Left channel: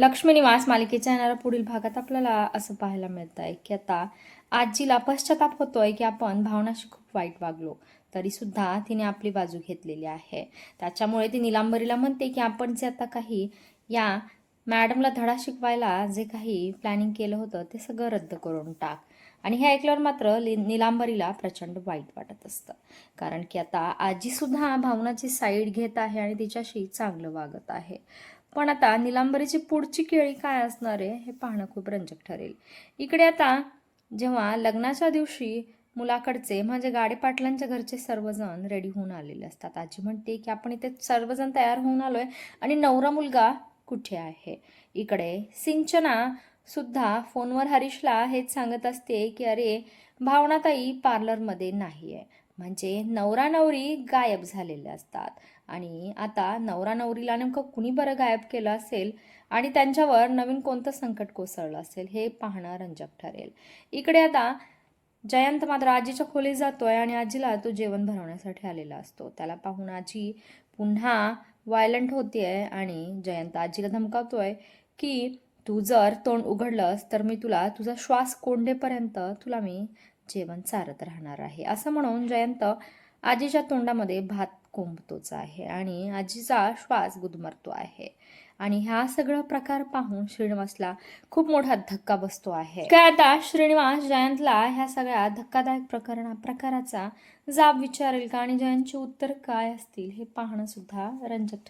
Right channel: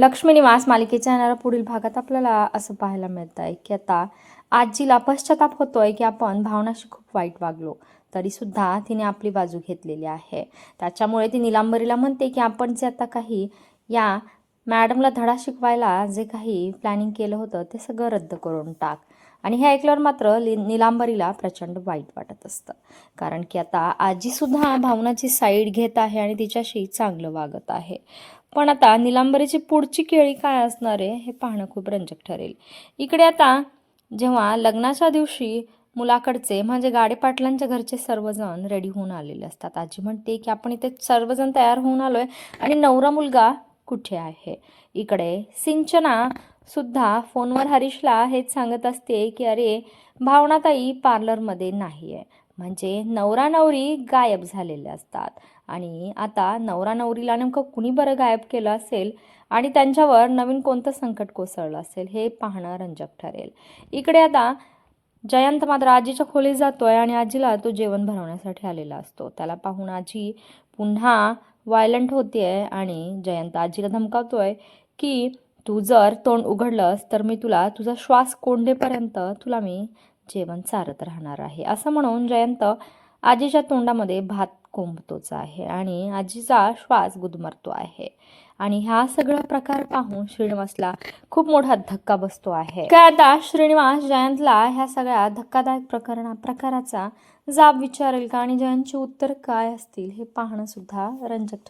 लक्ष्मी निवास मालिकेच्या येणाऱ्या पुढील भागात आपल्याला असं पाहायला मिळत आहे की आता आजीला पश्चाताप होतोय की आपण भावनाशी खूप वाईट वागलो, तरी सुद्धा तिने आपली बाजू घेतलेली आहे. त्याच्यामुळे ती निलांबरीला म्हणते की आपण जे आता काही या मॅडमला धडा शिकवायला जे काही प्लॅनिंग केलं होतं ते सगळं रद्द करून टाक. आणि हे ऐकल्यावर मात्र निलांबरीला प्रचंड वाईट वाटत असतं, कारण की आता आजीसुद्धा भावनाची साईड घेत आहे आणि तिच्याशी चांगलं वागत आहे. पण आता निलांबरीची पुढची केळी काय असणार आहे हे पाहणं खूप रंजक ठरेल. इकडे आता जेव्हा लग्नाच्या दिवशी मुलाकडचे म्हणजे गाडेपाटलांच्या घरचे सर्वजण रेडी होऊन आलेले असतात. आजी म्हणते की आपण इथे सर्वजण तयार होऊन आलोय आणि नवरा मुलगा कुठे आहे. इकडे सिंचना सुद्धा फोनवर हरीशला हेच सांगत असते की अरे भावनाताई पार्लरमध्ये नाही आहे. म्हणजे नवरा नवरी गायब झालेले असतात आणि आता नवरा नवरीला नेमकं कुणी बरं गायब केलं असेल आणि त्यांच्यावर नवीन कोणतं संकट कोसळलं असेल हे पाहणं रंजक ठरेल. इकडे आता जयंत मात्र आजीच्या खोलीत जातोय आणि आजीला तो जेवण भरवण्यासाठी आलेला असतो. त्याला पाहून आजी पुन्हा व्हायलंट होतीये आणि जयंत आजीला धमकावतोय की तू जर तोंड उघडलंस तर मी तुला तुझा श्वास कोंडेपर्यंत तुला मी जेवण चारत राहणार आहे. असं म्हणून जयंत आजीच्या तोंडामध्ये भात कोंबतोच आहे आणि आजीचा श्वास गुदमरतो आहे. आणि हा सगळा प्रकार पाहून श्रीनिवासला खूप मोठा धक्का बसतो आहे. काय आता श्रीनिवास जयंतला ह्या सगळ्या धक्कादायक प्रकाराचा जाब विचारेल का आणि जयंतची उत्तर काय असतील हे पाहणं सुद्धा रंजक